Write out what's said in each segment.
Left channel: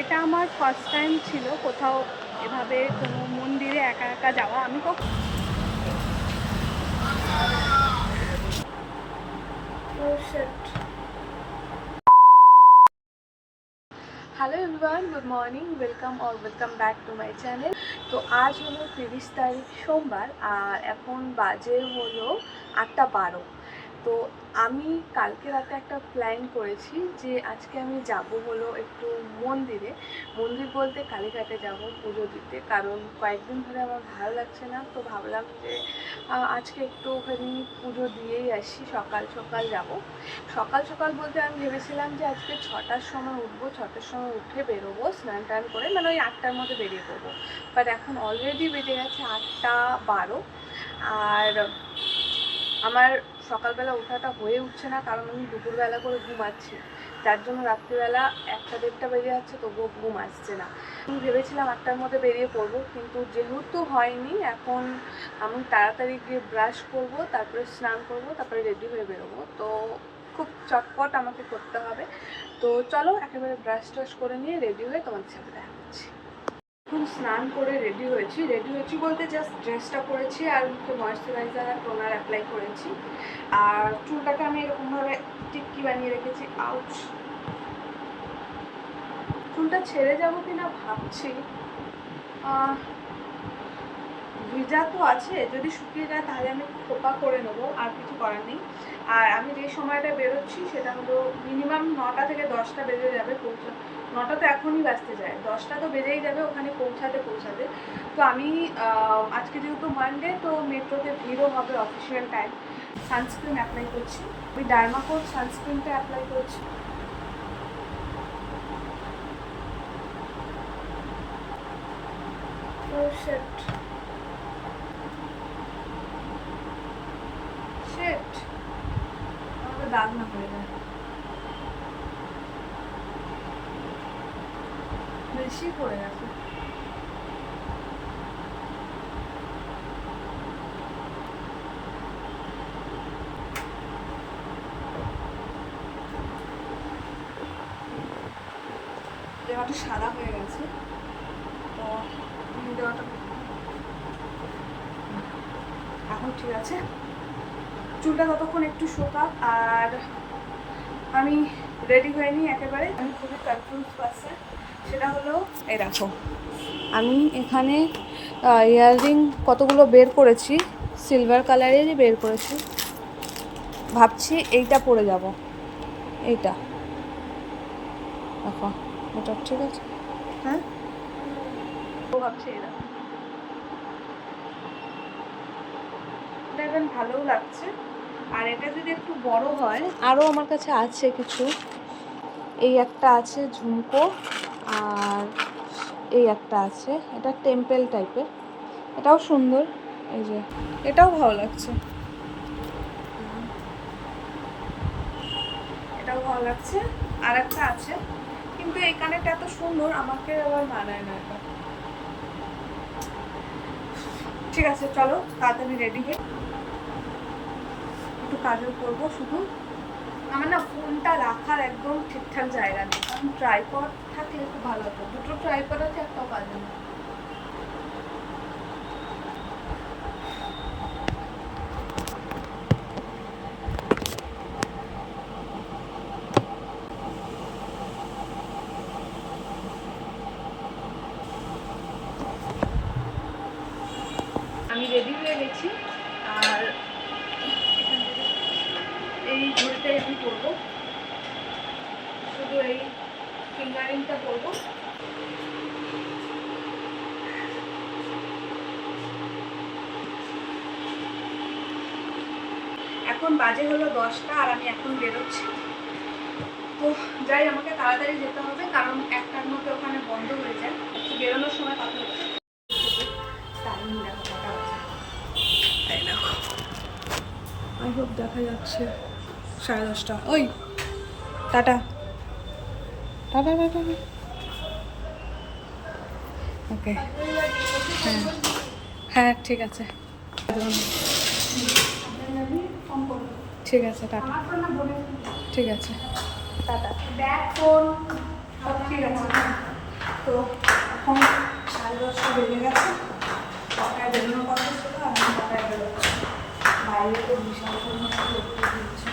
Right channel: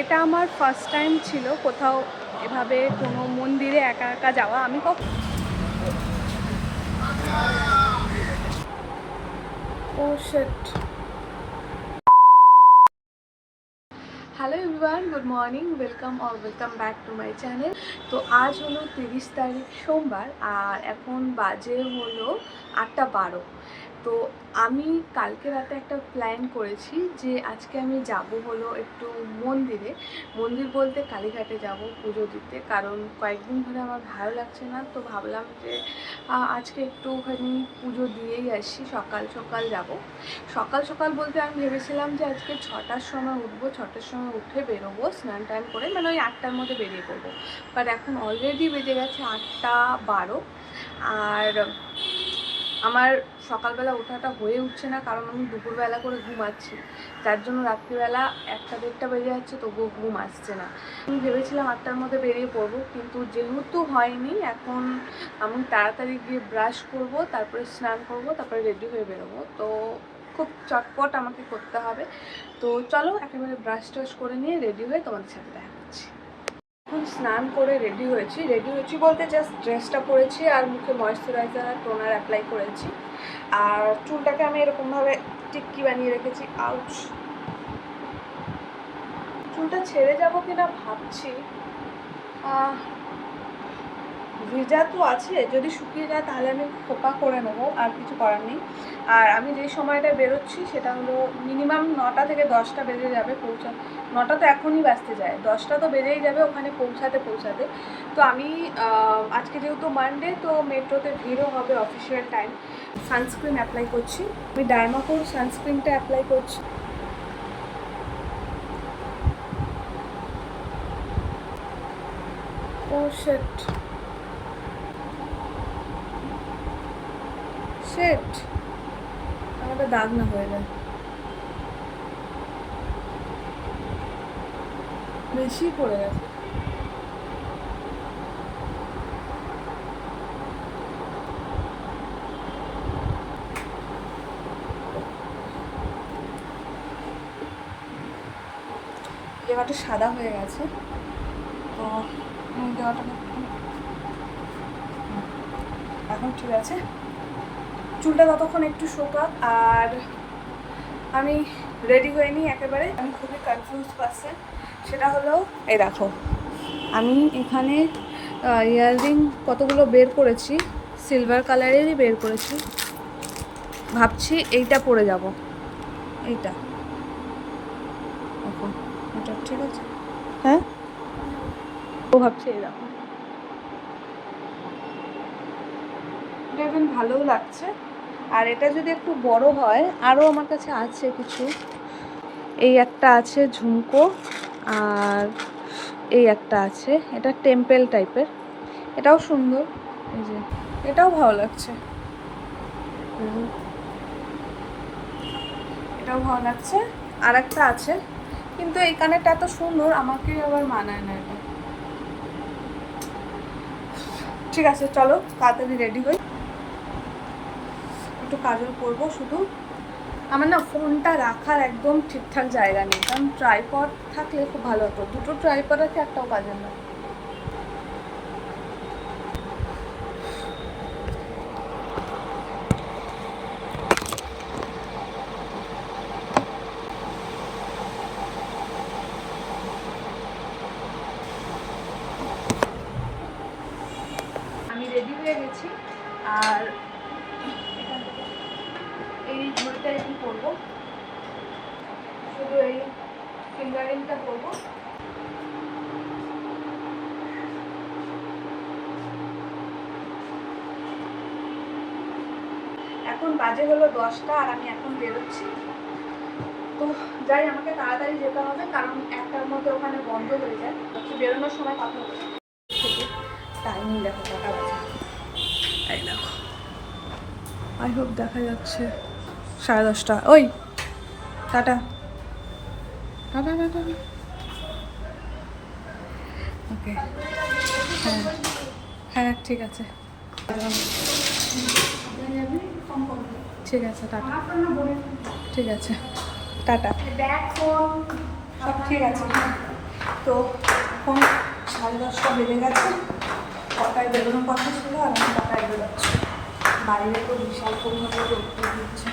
এটা আমার first time ছিল কোথাও এভাবে কোনো মন্দিরে একা একা যাওয়া। আমি ও শিট। Hello everyone, good morning, welcome back to my channel. তো আজ হলো 30 তারিখ সোমবার, আর এখন বাজে হলো 8:12। তো আমি কালকে রাতে একটা প্ল্যান করেছি যে আজকে আমি যাব হলো একটু মন্দির বলতে কালীঘাটে যাব পুজো দিতে, কারণ কয়েকদিন ধরে আমার ভালো লাগছে না। তো ভাবলাম যে আজকে একটুখানি পুজো দিয়েই আসি, সকাল সকাল যাব। সকাল সকাল বলতে আমি ভেবেছিলাম যে আজকে 6টার সময় উঠবো, 6টার সময় উঠে বেরোবো স্নান টান করে, মানে ওই 8টার মধ্যে বেরিয়ে পড়বো। বাট এখন অলরেডি বেজে গেছে 8:12, আর আমার সকালবেলা ওঠাটা হয়ে উঠছে না, কারণ আমি দুপুরবেলা করে ঘুমাচ্ছি, যার জন্য রাত্রিবেলা 1টা 1:30 বেজে যাচ্ছে, তবুও ঘুম আসছে না। আমি ভেবেছিলাম 8টার মধ্যে বেরিয়ে পড়বো, কিন্তু যেহেতু হয়নি, এখন আমি তাড়াতাড়ি গিয়ে ব্রাশ করব, তারপরে স্নান করব, তারপরে রেডি হয়ে বেরোবো। তো খুব চটপট আমাকে করতে হবে। তো চলো একেবারে ব্রাশ টাশ করে নিয়ে রেডি হয়ে তোমাদের সাথে দেখা করছি। এখন স্নান করে রেডি হয়েছি বলতে জাস্ট ড্রেসটা পরেছি আর মুখে ময়েশ্চারাইজার আর টোনার অ্যাপ্লাই করেছি, আর চুলটাকে আমি এরকমভাবে টিক্কি বানিয়ে রেখেছি। আউচ, চুলটা ছেড়ে যাবো কিনা ভাবছি। ভিজা তো আছে, যদি শুকিয়ে যায় তাহলে আমি খোপা করে নেবো, আর কিছু করার নেই। আর আমি যে সময়টা বেরোচ্ছি সেটা হলো মিনিমাম 9টা থেকে 10টা বেজে যাবে 9টা তো এখনই বাজতে যায়, 10টা তো বেজেই যাবে ওখানে পৌঁছাতে। তো আমি আজকে যেহেতু মানডে, তো মেট্রোতে ভিড়ও হবে অফিসিয়াল টাইম। সানস্ক্রিন অ্যাপ্লাই করছি, আমি ডার্মাকোর সানস্ক্রিনটা অ্যাপ্লাই করছি। ও শিট, আমাদের দাগ না হয়ে যায়, বেশি পড়ে গেছে। দেওয়াটা সাদা হয়ে গেছে, তো দেওয়াটা এখন ঠিক আছে। চুলটা ততক্ষণ একটু শোকাক, আর আমি রেডি হয়ে নিই একেবারে। আমি খুবই কনফিউজ পারসন, সেটা হলো এই দেখো, আমি এখানে ইয়াররিং কতগুলো বের করেছি, সিলভার কালারেরই বের করেছি। ভাবছি এইটা পরে যাব, এইটা দেখো, এটা ঠিক আছে। হ্যাঁ, ভাবছি এই দেখো, এটা এখন ভালোও লাগছে। আর এটা যদি একটু বড় হয়, আরও আমার কাছে আছে কিছু। এই একটা আছে ঝুমকো, আর এই একটা আছে, এটা টেম্পেল টাইপের, এটাও সুন্দর। এই যে এটাও ভালো লাগছে, এটাও ভালো লাগছে। আর একটা আছে, কিন্তু এই কানেরটা এত সুন্দর আমাকে আবার মানায় না এটা। ঠিক আছে চলো তাড়াতাড়ি রেডি হই, একটু কাজল করবো শুধু। আমার না ফোনটা রাখার একদম ঠিকঠাক জায়গা নেই, কারণ ট্রাইপড থাকলে খুব ভালো হতো। দুটো ট্রাইপড আছে, একটাও কাজে না। আমি রেডি হয়ে গেছি, আর এই ঘড়িটাই আমি করবো, শুধু এই ফিঙ্গারিংটা করবো। এখন বাজে হলো 10টা, আর আমি এখন বেরোচ্ছি। তো যাই, আমাকে তাড়াতাড়ি যেতে হবে, কারণ 1টার মধ্যে ওখানে বন্ধ হয়ে যায়। একটু বেরোনোর সময় কথা বলবো। থেকে টাইমিং দেখো কটা বাজে, এই দেখো, আই হোপ দেখা যাচ্ছে 10:30। ওই টাটা টাটা টাটা, ওকে, হ্যাঁ হ্যাঁ ঠিক আছে, ঠিক আছে টাটা, ঠিক আছে টাটা, সব ঠিক আছে। তো এখন 10:30 বেজে গেছে, কটায় বেরোনোর কথা ছিল আর আমি কটায় বেরোচ্ছি। বাইরে তো বিশাল পরিমাণে রোদ্দুর দিচ্ছে।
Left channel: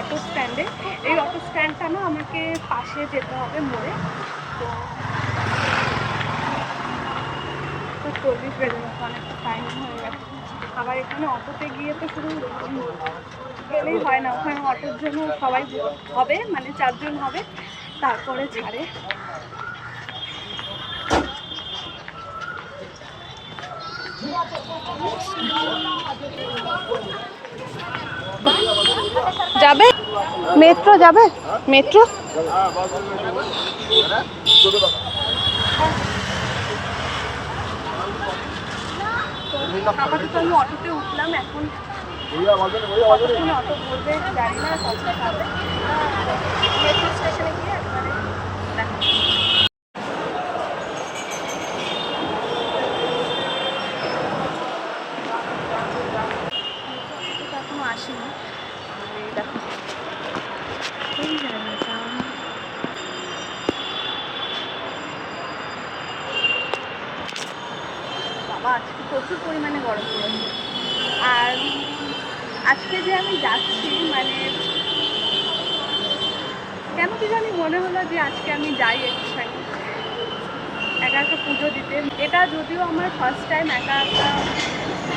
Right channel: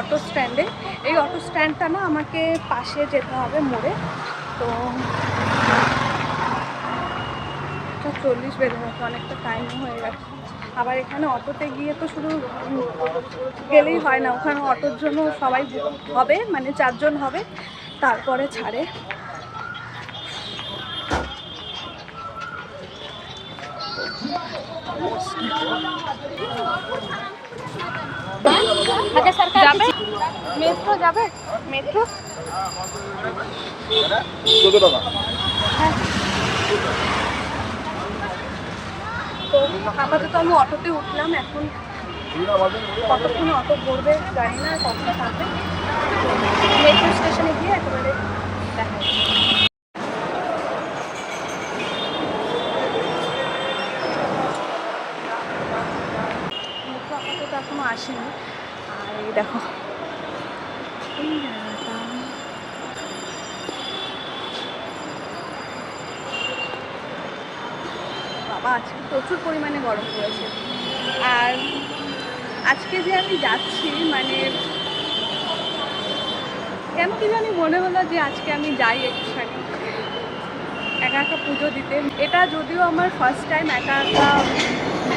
অটো স্ট্যান্ডে, এই অটো স্ট্যান্ডটা না আমাকে পাশে যেতে হবে মোড়ে, তো 40 বেজে গেছে, অনেকটা টাইম হয়ে গেছে। আবার এখানে অটোতে গিয়ে তো শুধু গেলেই হয় না, ওখানে অটোর জন্য সবাই হবে, মানে 4 জন হবে, তারপরে ছাড়ে। যাবে মেট্রো, যাবে মেট্রো। হ্যাঁ, তো আপাতত আমি অটোতে উঠলাম। এখন কতক্ষণে অটো ভরবে জানি না, কখন ছাড়বে। তো মেট্রো স্টেশনে গিয়ে একেবারে দেখা যাবে। মেট্রো আপাতত এখনো আসেনি। আর এই দেখো এই জায়গাটা, বাবা আজকে প্রচুর পরিমাণে গরম পড়েছে। আর আজকে যে আমি যাচ্ছি, মানে কেন কি জানি মনে হলো যে আজকে আমি যাই একটুখানি একা একা পুজো দিতে। এটা যদিও আমার ফার্স্ট টাইম একা একা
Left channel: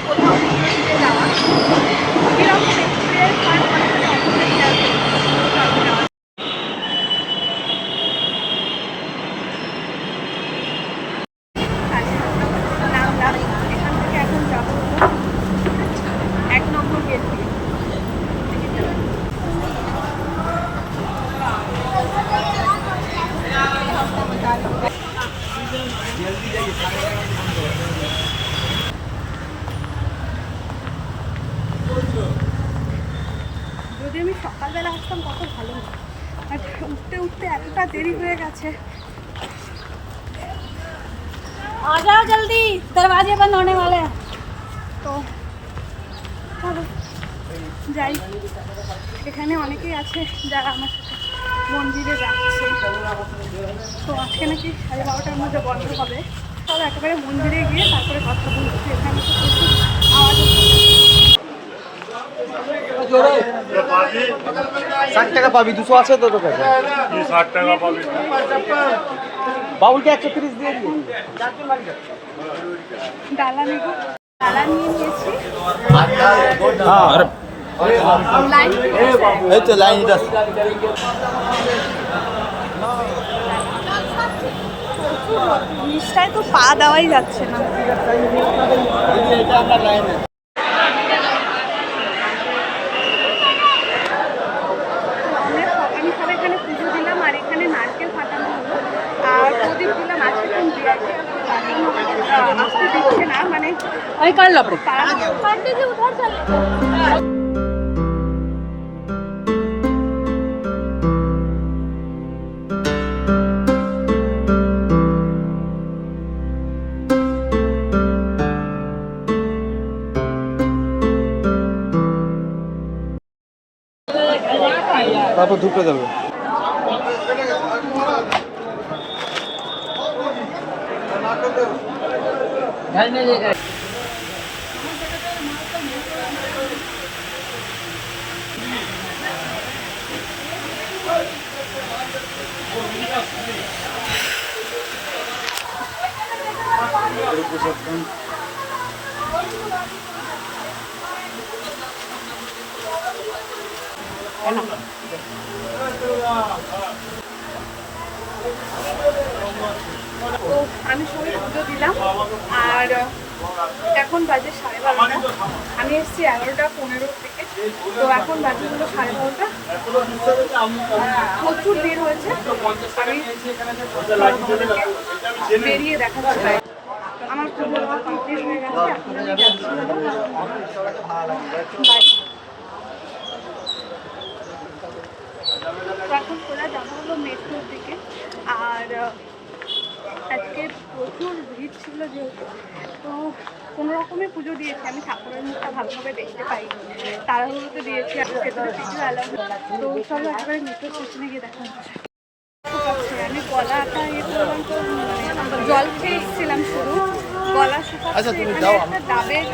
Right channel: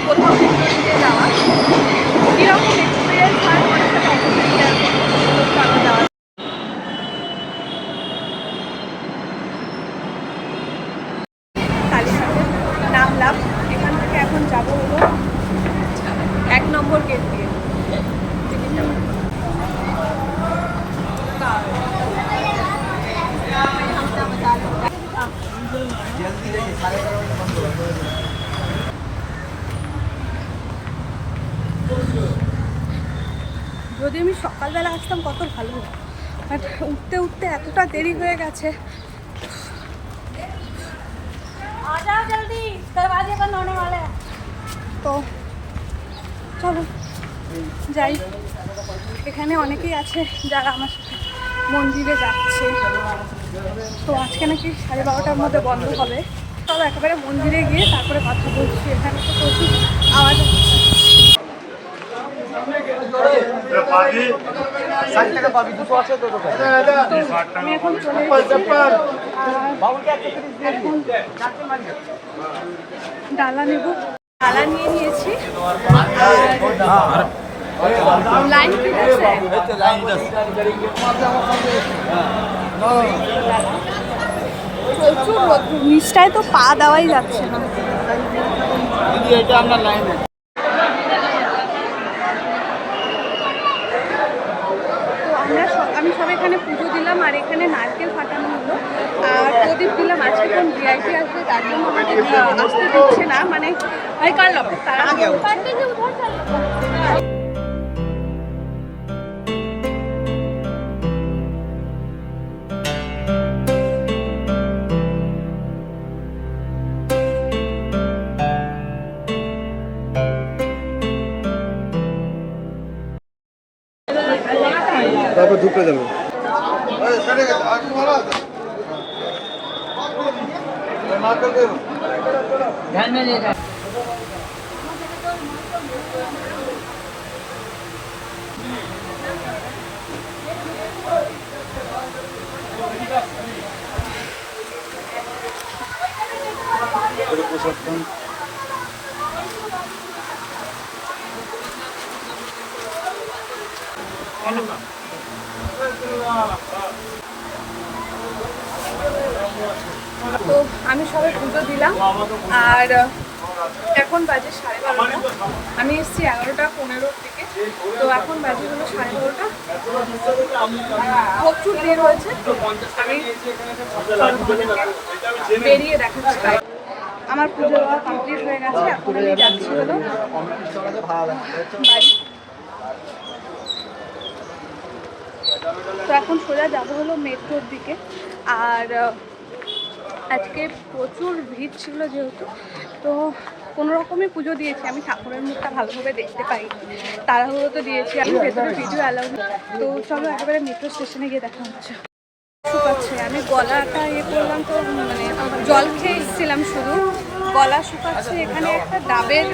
কোথাও পুজো দিতে যাওয়া, কীরকম এক্সপিরিয়েন্স হয় তোমাদের সাথে অবশ্যই শেয়ার করবো। তো চলো যাওয়া। কালীঘাটে নামলাম, এখান থেকে এখন যাবো হলো 1 নম্বর গেট দিয়ে। যদি আমি সকালবেলা আসতাম কত ভালো হতো, বাট উঠতে উঠতে এতটা দেরি হয়ে গেছে। आजाओ जल्दी, दरवाजे बंद होने वाले हैं। তো চলো যাই। এখানে অনেকেই আছে যারা আমার সাথে মন্দিরে যাচ্ছে, তো আজকে নাকি 12:30টার মধ্যে বন্ধ হবে। চলো একেবারে মন্দিরে গিয়ে তারপরে কথা বলছি। এখানে তো প্রচুর আওয়াজ হচ্ছে। 60 টাকা পাবি, 200 আছে তো তোর কাছে। তো আমি এখন চলে এখন ডালা নেব, ডালা নিয়ে নিয়েছি। আর লাইন ঠিক আছে, এই তো লাইন আছে। প্রচুর রোদ, নিচটায় তো পা দেওয়াই যাচ্ছে না। দিদি এটা আমরা লাইন তো আমি সব এখানে পুজো দিলাম, আর এখানে নারকেল ফাটানো হলো আর প্রদীপ দিলাম। আজকে কোন ভিআইপি আসবে তার জন্য আমাকে আসতে দিচ্ছে না, মানে ওই কাল খুব তাড়াতাড়ি হচ্ছে। তারপর ঢুকে যাবে। তো আমি সবাই পুজো দিলাম, আর এখন বাজে 12:30। আমি এসেছি 11:15 থেকে, তো এখন বাজে হলো 12:30। প্রচুর ভিড় হয়েছে। আমি চলো তোমাদেরকে বেরিয়ে দেখাচ্ছি বাইরে। আমার পুজো দেওয়া কমপ্লিট হয়ে গেছে, এখন আমি যাচ্ছি হলো বাড়ি। তো এখন সোজা যাবো হলো মেট্রোর দিকে। আর আজকে প্রচুর ভিড় ছিল যেহেতু, তো কোনো রকমই পুজো দিয়েছি, আমি ঠাকুরের মুখটা ভালোভাবে দেখতে পাইনি, তাড়াহুড়ো তো দিয়েছি, আমি ভেতরে ভিডিও অ্যালাউ। তো চলো একেবারে মেট্রো স্টেশনে গিয়ে দেখা হচ্ছে। শুকাচ্ছে, আমি গলাটা করলাম তো মানে জল খেয়ে এসেছিলাম, শুধু গলা শুকাচ্ছে। এখানে একটা ডাবের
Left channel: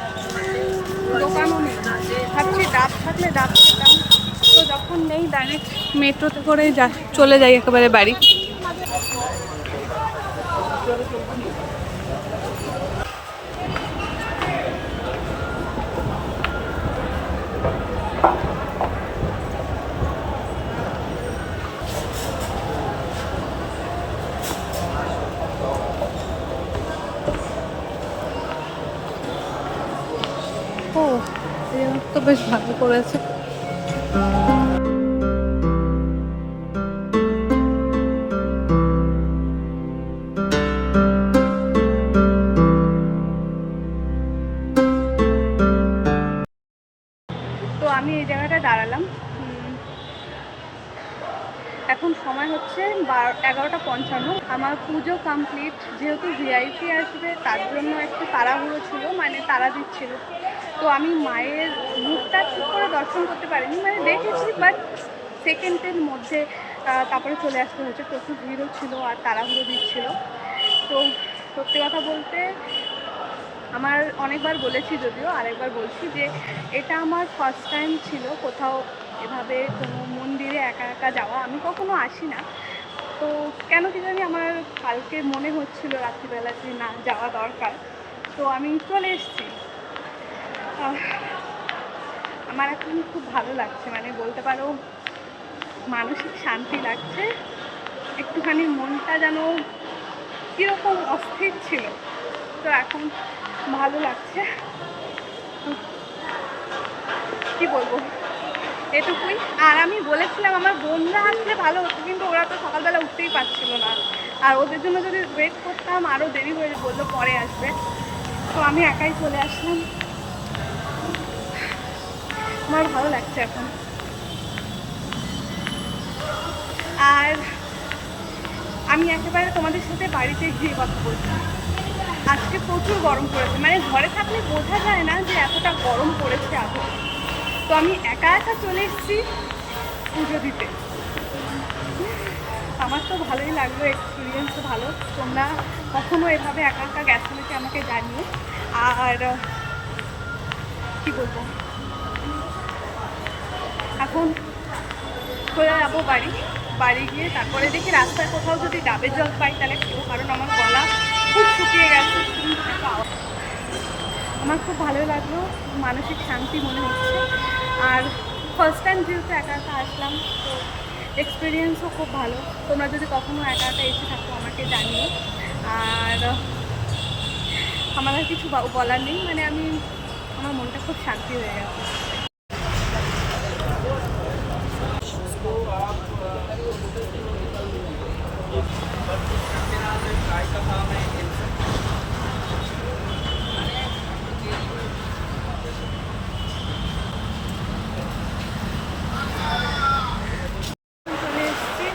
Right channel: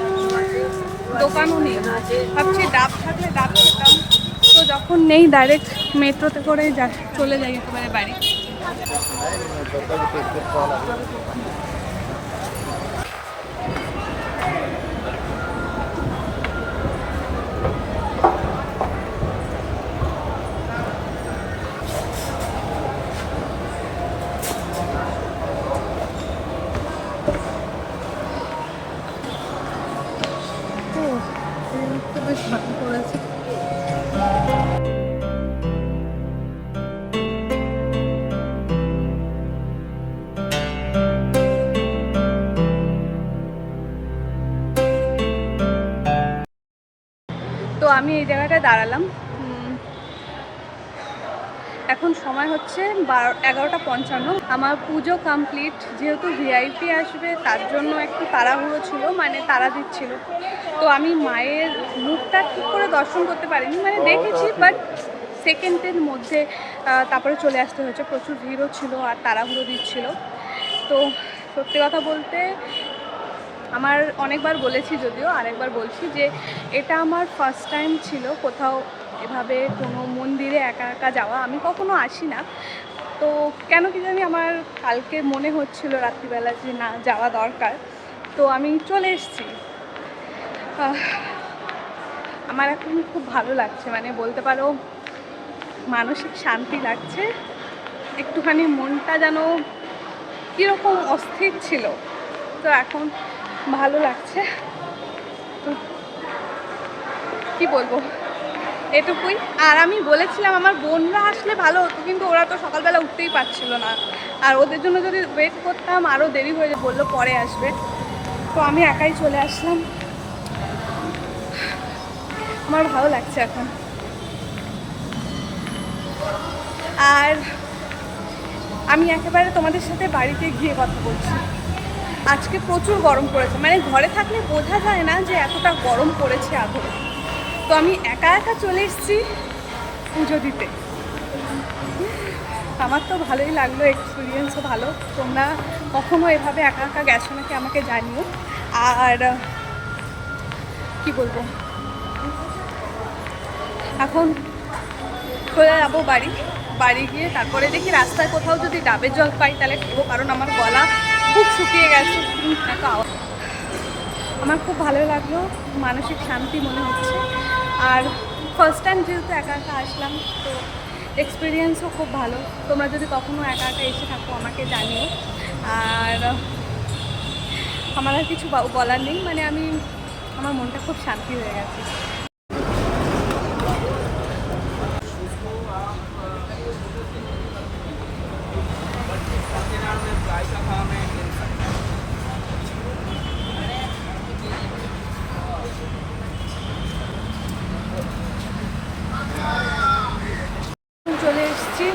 দোকানও নেই, ভাবছি ডাব থাকলে ডাব খেতাম, তো যখন নেই ডাইরেক্ট মেট্রোতে করে চলে যাই একেবারে বাড়ি। ও এই তো বেশ ভালো করেছে। তো আমি এই জায়গাটায় দাঁড়ালাম, এখন সময় হচ্ছে 11:55। আমার পুজো কমপ্লিট, যেহেতু ভিআইপি আসবে তার জন্য একটু তাড়াহুড়ো ছিল, মানে তাড়া দিচ্ছিল। তো আমি মায়ের মুখটা ঠিক করে দর্শন করতে পারিনি, মানে দেখেছি বাট সেকেন্ডের মধ্যে তারপরে চলে আসতে হয়েছে, প্রচুর ভিড়ও ছিল আর তাড়াহুড়ো দিচ্ছিল। তো সত্যি কথা বলতে আমার অনেকবার বলেছি, যদিও আরেকবার বলছি যে এটা আমার ফার্স্ট টাইম ছিল কোথাও এভাবে কোনো মন্দিরে একা একা যাওয়া। আমি কখনো আসি না, তো কেন কি জানি আমার কালকে মনে হচ্ছিল রাত্রিবেলা যে না যাওয়া দরকার, তো আমি চলে এসেছি। আমার এখন খুব ভালো লাগছে, মানে বলতে পারো মানসিক শান্তি লাগছে, একটুখানি মনটা যেন কীরকম অস্থির ছিল, তো এখন ভালো লাগছে। তো কী বলবো, এটুকুই। আর আমি বলেছিলাম আমার বোনরা আসলে ভালো হতো, কিন্তু ওরা তো সকালবেলা উঠতেই পারছিল না, আর ওদের জন্য যদি ওয়েট করতাম আরও দেরি হয়ে যেত, বললো পরে আসবে, তো আমি একাই চলে আসলাম। আমার ভালো লাগছে এখন। আর আমি একেবারে তোমাদের সাথে বাড়িতে গিয়ে কথা বলছি। আজকে প্রচুর গরম পড়েছে, মানে ঘরে থাকলে বোঝা যায় না যে এতটা গরম পড়েছে আগে। তো আমি একা একা চলে এসেছি পুজো দিতে। আমার তো ভালোই লাগলো, এক্সপিরিয়েন্সও ভালো। তোমরা কখনো এভাবে একা একা গেছো নাকি আমাকে জানিও। আর কি বলবো, এখন চলে যাবো বাড়ি গিয়ে তারপরে দেখি রাস্তায় কোথাও যদি ডাবের জল পাই তাহলে খাবো, কারণ আমার গলা খুব শুকিয়ে গেছে। আমার খুব ভালো লাগলো, মানসিক শান্তি মনে হচ্ছে। আর ফার্স্ট টাইম যেহেতু একা একা আসলাম, তো এক্সপিরিয়েন্সও খুব ভালো। তোমরা যদি কখনো একা একা এসে থাকো আমাকে জানিও। আর আমার আর কিছু বলার নেই, মানে আমার মনটা খুব শান্তি হয়ে গেছে। চলে এসেছি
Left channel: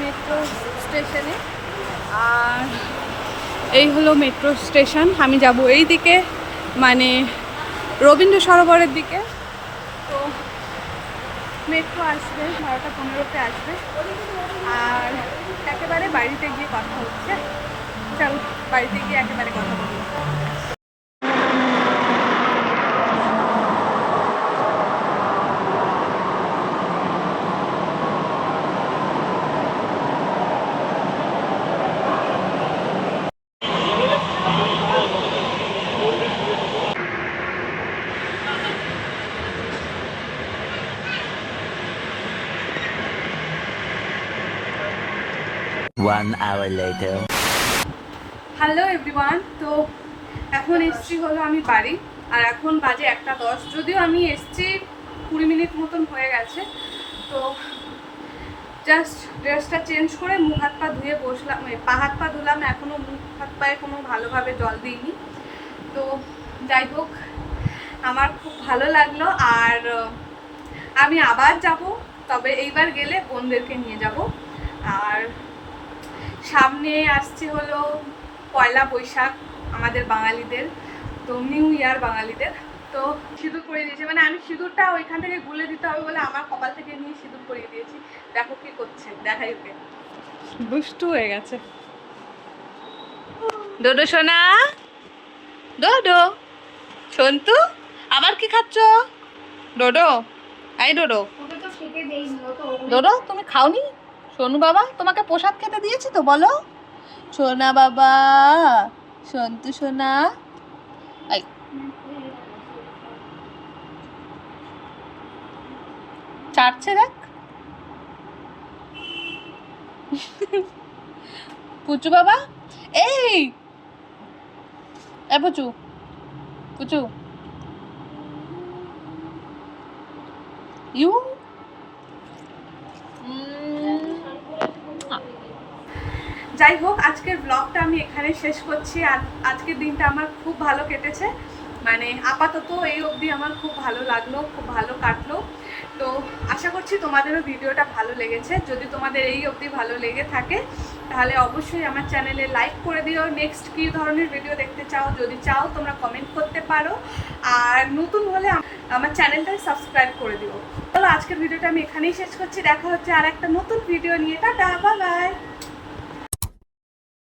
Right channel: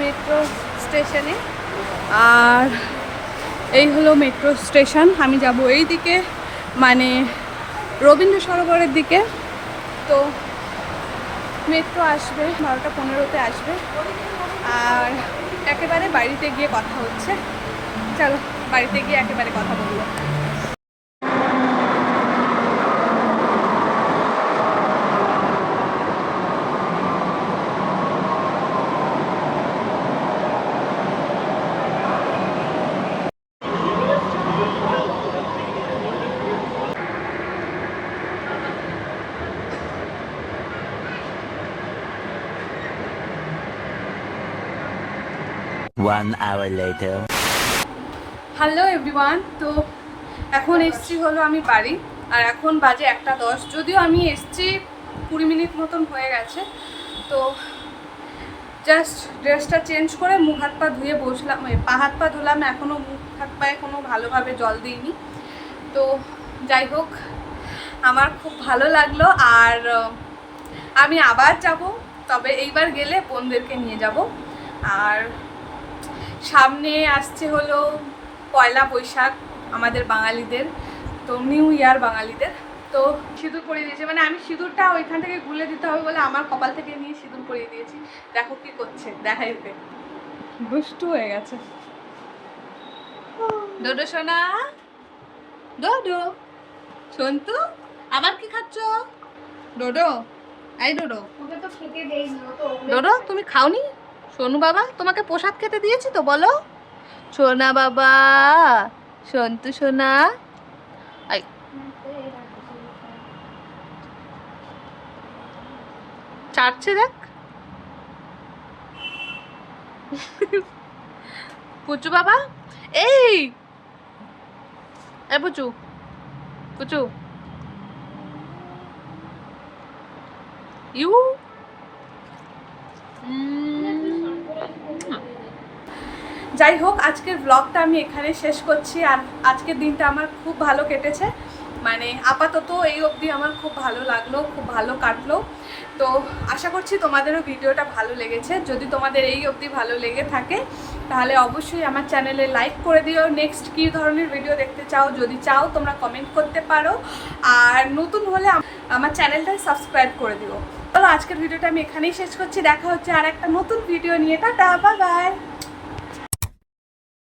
মেট্রো স্টেশনে, আর এই হলো মেট্রো স্টেশন। আমি যাব এই দিকে, মানে রবীন্দ্র সরোবরের দিকে। তো মেট্রো আসবে 12:15-তে আসবে, আর একেবারে বাড়িতে গিয়ে কথা হচ্ছে। চলো বাড়িতে গিয়ে একেবারে কথা বলবো। One hour later. Hello everyone, তো এখন এসছি হলো আমি বাড়ি, আর এখন বাজে 1:10। যদিও আমি এসছি 20 মিনিট মতন হয়ে গেছে। তো জাস্ট ড্রেসটা চেঞ্জ করে মুখ হাত পা ধুয়ে বসলাম, পা হাত পা ধুলাম, এখনও মুখ হাত পায়ে কোনো ভালোভাবে জল দিইনি। তো যাই হোক, আমার খুব ভালো লাগলো। আর আমি আবার যাব, তবে এইবার গেলে বোনদেরকে নিয়ে যাব। আর সামনে আসছে হলো পয়লা বৈশাখ, আমাদের বাঙালিদের, তো নিউ ইয়ার বাঙালিদের। তো সিঁদুর পরিয়ে দিয়েছে, মানে আমি সিঁদুরটা ওইখান থেকে গুলে দিতে হবে বলে আমার কপাল থেকে নিয়ে সিঁদুর পরিয়ে দিয়েছি। দেখো কি করছে, দেখাই ওকে, দুষ্টু হয়ে গেছে। ডোডো সোনা, ডোডো, সন্তু, আবার কি খাচ্ছ? ডোডো, এই ডোডো, ডোডো তুমি খাওনি? সোনু বাবা তোমাকে প্রসাদ খেতে দিয়েছি তো, বলো সোনা বাবা, সন্তু সোনা। এই চাটছে দেখ। পুচু বাবা, এই পুচু, পুচু, ইউ যাই হোক, আজকের ব্লগটা আমি এখানে শেষ করছি। আর আজকের দিনটা আমার খুব ভালো কেটেছে, মানে আপাতত এই অবধি আমার খুব ভালো লাগলো, খুব ভালো কাটলো। তো আশা করছি তোমাদেরও ভিডিওটা ভালো লেগেছে। যদি তোমাদের এই অবধি ভালো লেগে থাকে তাহলে অবশ্যই আমার চ্যানেলে লাইক করে দিও। নেক্সট কী ধরনের ভিডিও দেখতে চাও যদি চাও তোমরা কমেন্ট করতে পারো, আর নতুন হলে আমার চ্যানেলটা সাবস্ক্রাইব করে দিও। চলো আজকের ভিডিওটা আমি এখানেই শেষ করছি, দেখা হচ্ছে আর একটা নতুন ভিডিও নিয়ে। Tata, bye bye.